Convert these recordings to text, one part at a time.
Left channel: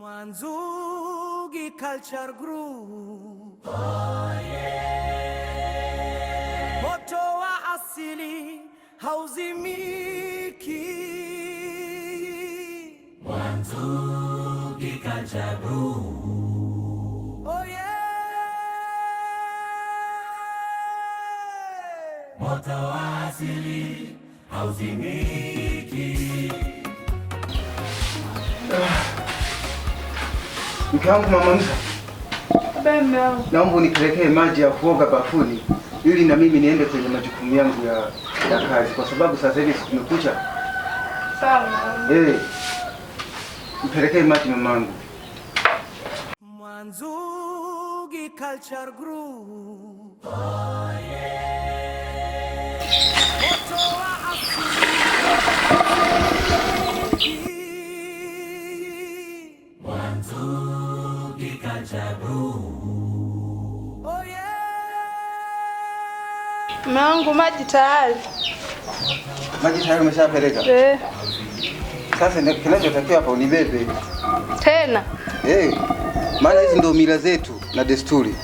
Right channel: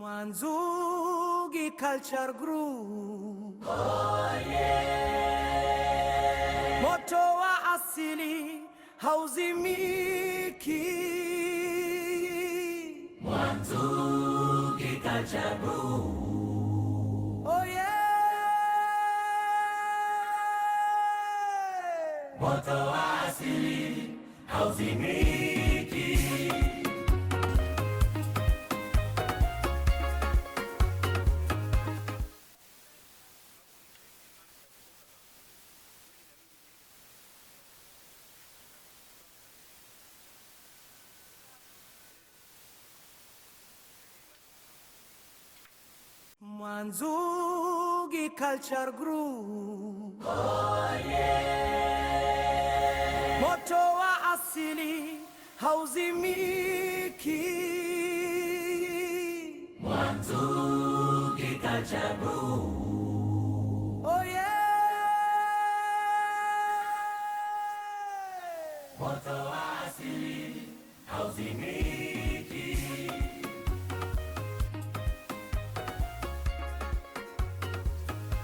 Mwanzugi Culture Group. Oh yeah. Moto wa asili hauzimiki. Mwanzugi Culture Group. Oh yeah. Moto wa asili hauzimiki. Mke wangu mama Musa. Naomba unipelekee maji ya kuoga bafuni ili na mimi niende kwenye majukumu yangu ya kazi kwa sababu sasa hivi kumekucha. Sawa. Nipelekee maji mamangu. Mwanzugi Culture Group. Oh yeah. Moto wa asili hauzimiki. Mwanzugi Culture Group. Oh yeah. Mangu maji tayari. Maji tayari umeshapeleka? Sasa ndio kinachotakiwa hapa unibebe. Tena? Maana hizi ndio mila zetu na desturi.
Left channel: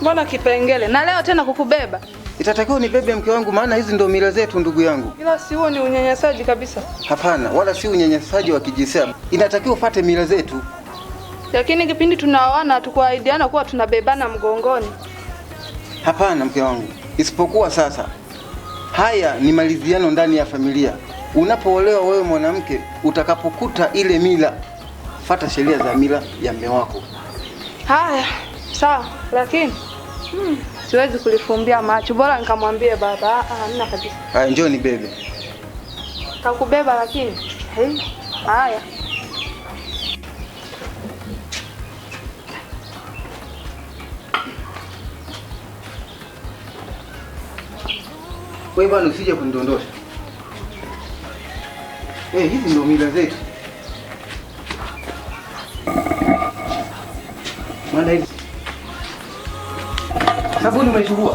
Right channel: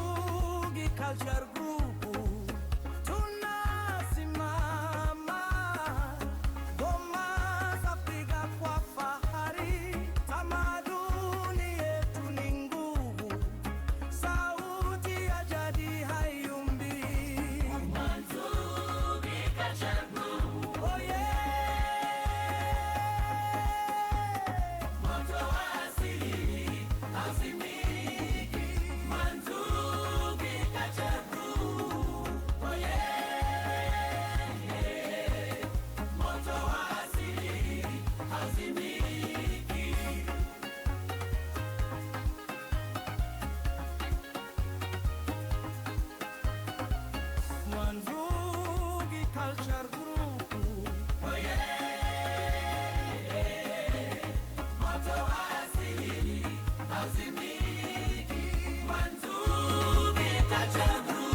Mbona kipengele? Na leo tena kukubeba? Itatakiwa unibebe mke wangu maana hizi ndio mila zetu ndugu yangu. Ila si huo ni unyanyasaji kabisa. Hapana, wala si unyanyasaji wa kijinsia. Inatakiwa ufuate mila zetu. Lakini kipindi tunaoana tukuahidiana kuwa tunabebana mgongoni. Hapana mke wangu. Isipokuwa sasa. Haya ni maliziano ndani ya familia. Unapoolewa wewe mwanamke, utakapokuta ile mila, fuata sheria za mila ya mume wako. Haya, sawa, lakini siwezi kulifumbia macho. Bora nikamwambie baba, hamna kabisa. Haya njoo ni bebe. Takubeba lakini. Haya. Wewe bwana usije kunidondosha. Hizi ndio mila zetu. Maana hizi. Sabuni umechukua?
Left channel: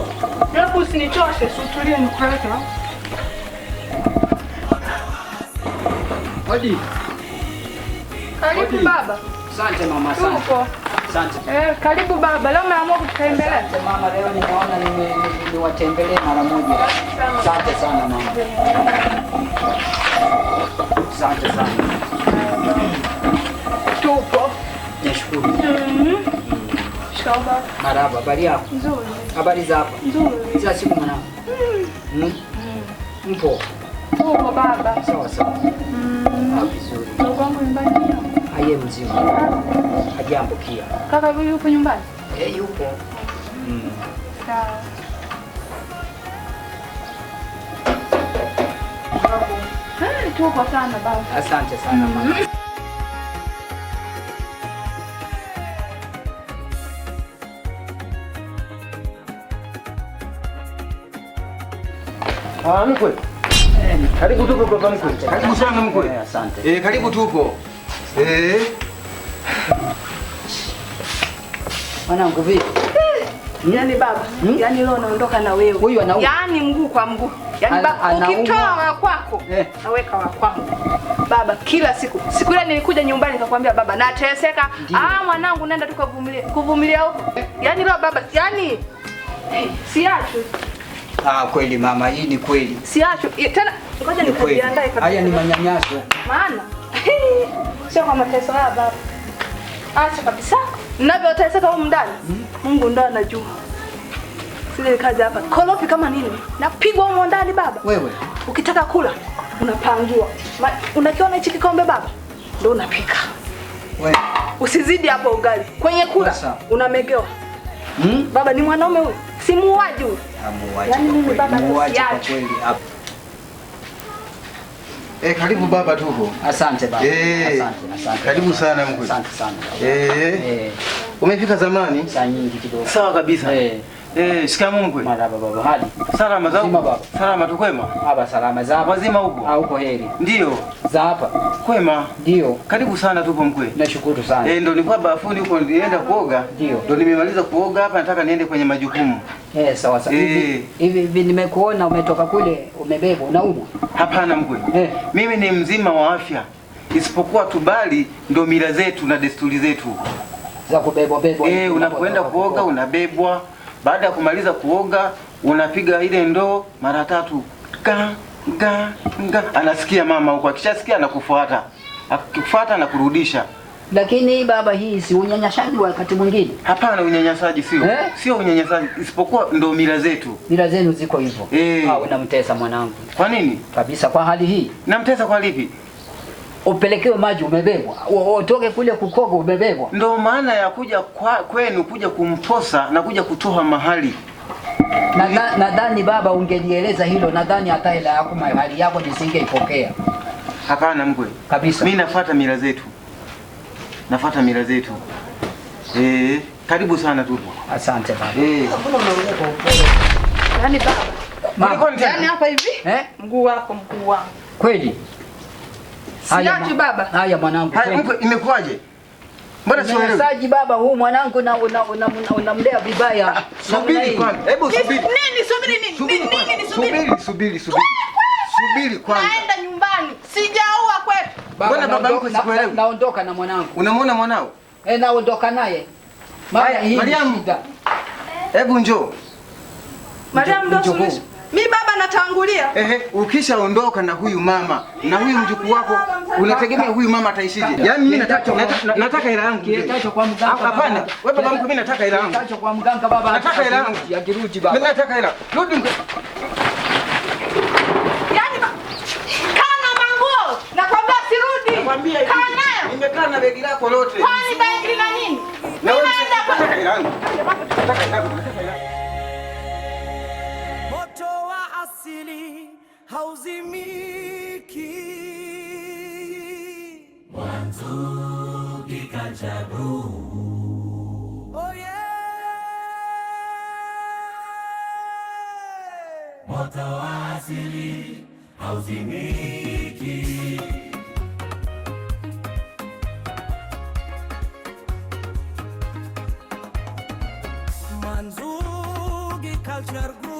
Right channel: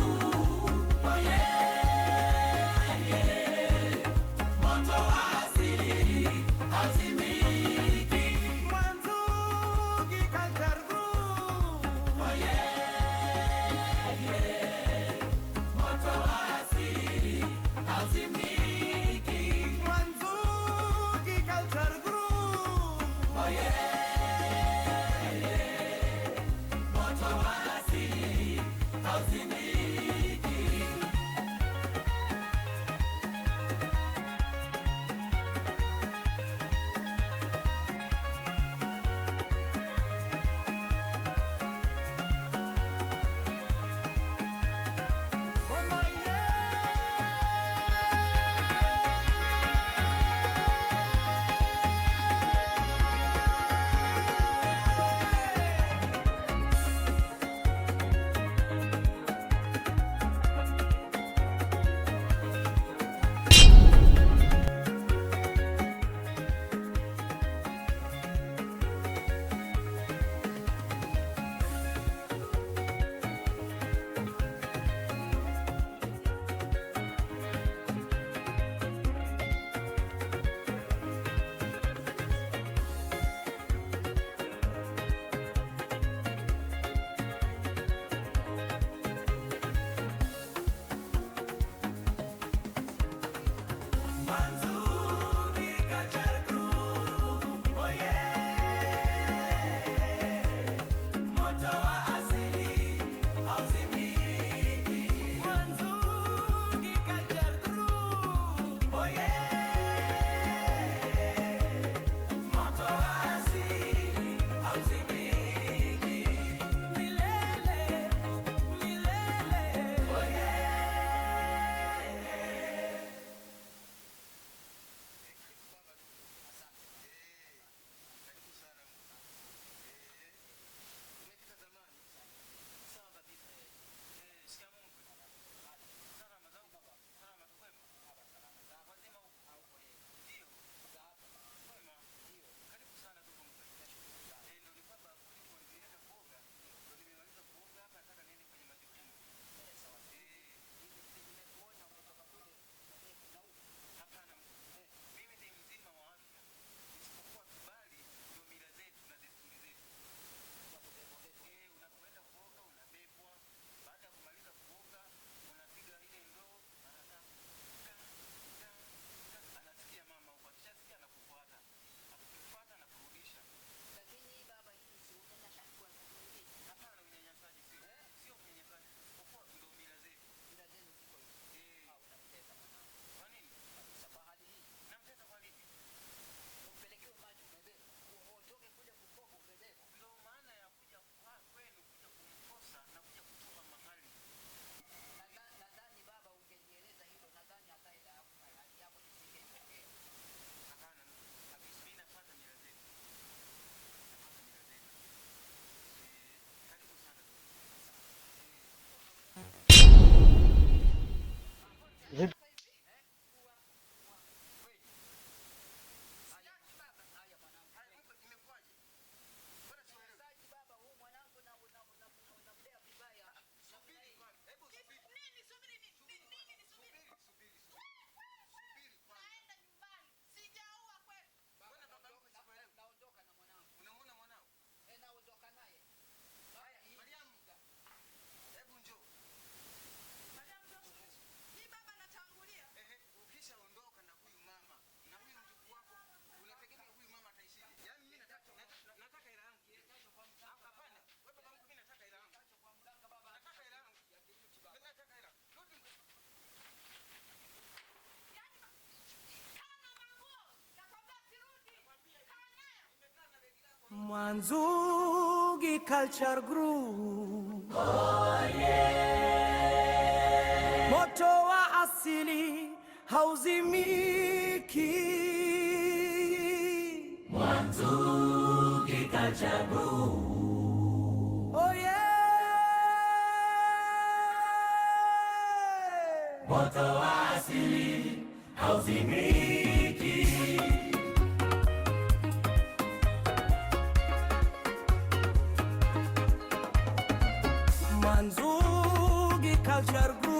Hebu usinichoshe, sutulie nikulete. Hadi. Karibu baba. Asante mama, asante. Asante. Karibu baba. Leo umeamua kutembelea? Mama, leo nimeona niwatembelee mara moja. Asante sana mama. Asante sana. Tupo. Nashukuru. Shamba. Marhaba, habari yako? Nzuri. Habari za hapa? Nzuri. Sasa siku mwanangu. Mpo. Tupo baba. Sawa sawa. Vizuri. Ndugu wangu nyumbani. Aye mzima. Hajambo pia. Kaka yupo nyumbani? Yupo. Sawa. Tupo sana baba. Asante sana mama. Mkwe. Karibu tupo baba mkwe. Karibu sana mkwe. Asante. Karibu tupo. Mwanangu vipi? Yaani baba, yaani leo naondoka na wewe. Huyu anauma. Yaani mguu kwa mguu. Yaani baba ukitoa wa kwako, naweka wa kwangu. Baba kila siku ile nilikuja nyumbani nikakwambia baba nateseka. Mwanangu nenda tukavumilie. Kuvumilia huko. Yaani leo baba, yaani siacho. Kweli mama, hii ni kweli. Siacho. Tena ngoja nikajiandae kabisa. Haya ni manyanyaso. Maana sio kama mateso ya baba. Acha kabisa. Ninavyoteseka huko ndani. Mungu ndo anajua. Sile nikaja hapa. Kolofi kama nini? Napigwa huko ndani baba. Wewe ukitaka kula unapangiwa. Unakiona hichi kikombe baba? Ndio unapika. Wewe usizidi hapo ugali. Kwenye kula unamegewa. Baba ni mwanaume huyu. Si muuaji huyu. Yaani mimi baba kweli hapo. Karibu baba tupo. Asante baba. Asante. Karibu sana mkwe. Asante sana. Umefika zamani? Saa nyingi kidogo. Sawa kabisa. Shikamoo mkwe. Marhaba baba. Hadi. Salama za huko? Salama tu kwema? Baba salama za hapa. Wazima huko? Huko heri. Ndio. Za hapa. Kwema? Ndio. Karibu sana tupo mkwe. Nashukuru sana. Ndio nilikuwa bafuni huko nienda kuoga. Ndio nimemaliza kuoga hapa nataka niende kwenye majukumu. Sawa sawa. Hivi nimekuona umetoka kule umebebwa unaumwa? Hapana mkwe. Mimi ni mzima wa afya. isipokuwa tubali ndo mila zetu na desturi zetu za kubebwa. Unapoenda kuoga unabebwa. Baada ya kumaliza kuoga unapiga ile ndoo mara 3 ga. Anasikia mama huko, akishasikia anakufuata, akikufuata na kurudisha. Lakini baba, hii si unyanyasaji wakati mwingine? Hapana, unyanyasaji sio. Sio unyanyasaji, isipokuwa ndo mila zetu. Mila zenu ziko hivyo. Unamtesa mwanangu. Kwa nini? Kabisa, kwa hali hii. Namtesa kwa lipi? Upelekewe maji umebebwa, utoke kule kukoga umebebwa. Ndio maana ya kuja kwenu kuja kumposa na kuja kutoa mahali. Nadhani baba ungenieleza hilo, nadhani hata hela yako mahali yako nisingeipokea. Hapana mkwe. Kabisa. Mimi nafuata mila zetu. Nafuata mila zetu. Karibu sana tupo. Asante baba. Yaani baba. Yaani hapa hivi? Mguu wako mguu wangu. Kweli? Siachi baba. Haya mwanangu. Haya mkwe, imekuaje? Mbona sielewi? Saji baba, huu mwanangu unamlea vibaya. Subiri kwanza. Hebu subiri. Nini subiri nini? Subiri kwanza. Naenda nyumbani. Sijaua kwetu. Mbona baba yako sikuelewi? Naondoka na mwanangu. Unamwona mwanao? Naondoka naye. Mariam. Hebu njoo. Mariam ndo suluhisho. Mimi baba natangulia. Ukishaondoka na huyu mama na huyu mjukuu wako, unategemea huyu mama ataishije? Yaani mimi nataka hela yangu. Kietacho kwa mganga. Hapana, wewe baba mkwe, mimi nataka hela yangu. Kietacho kwa mganga baba. Nataka hela yangu. Yakirudi baba. Mimi nataka hela. Rudi mkwe. Yaani kana manguo. Nakwambia sirudi. Nakwambia hivi. Nimekaa na begi lako lote. Kwani begi la nini? Nataka hela yangu. Nataka hela yangu. Moto wa asili hauzimiki. Mwanzuki Culture Group. Oh yeah. Moto wa asili hauzimiki. Mwanzuki Culture Group.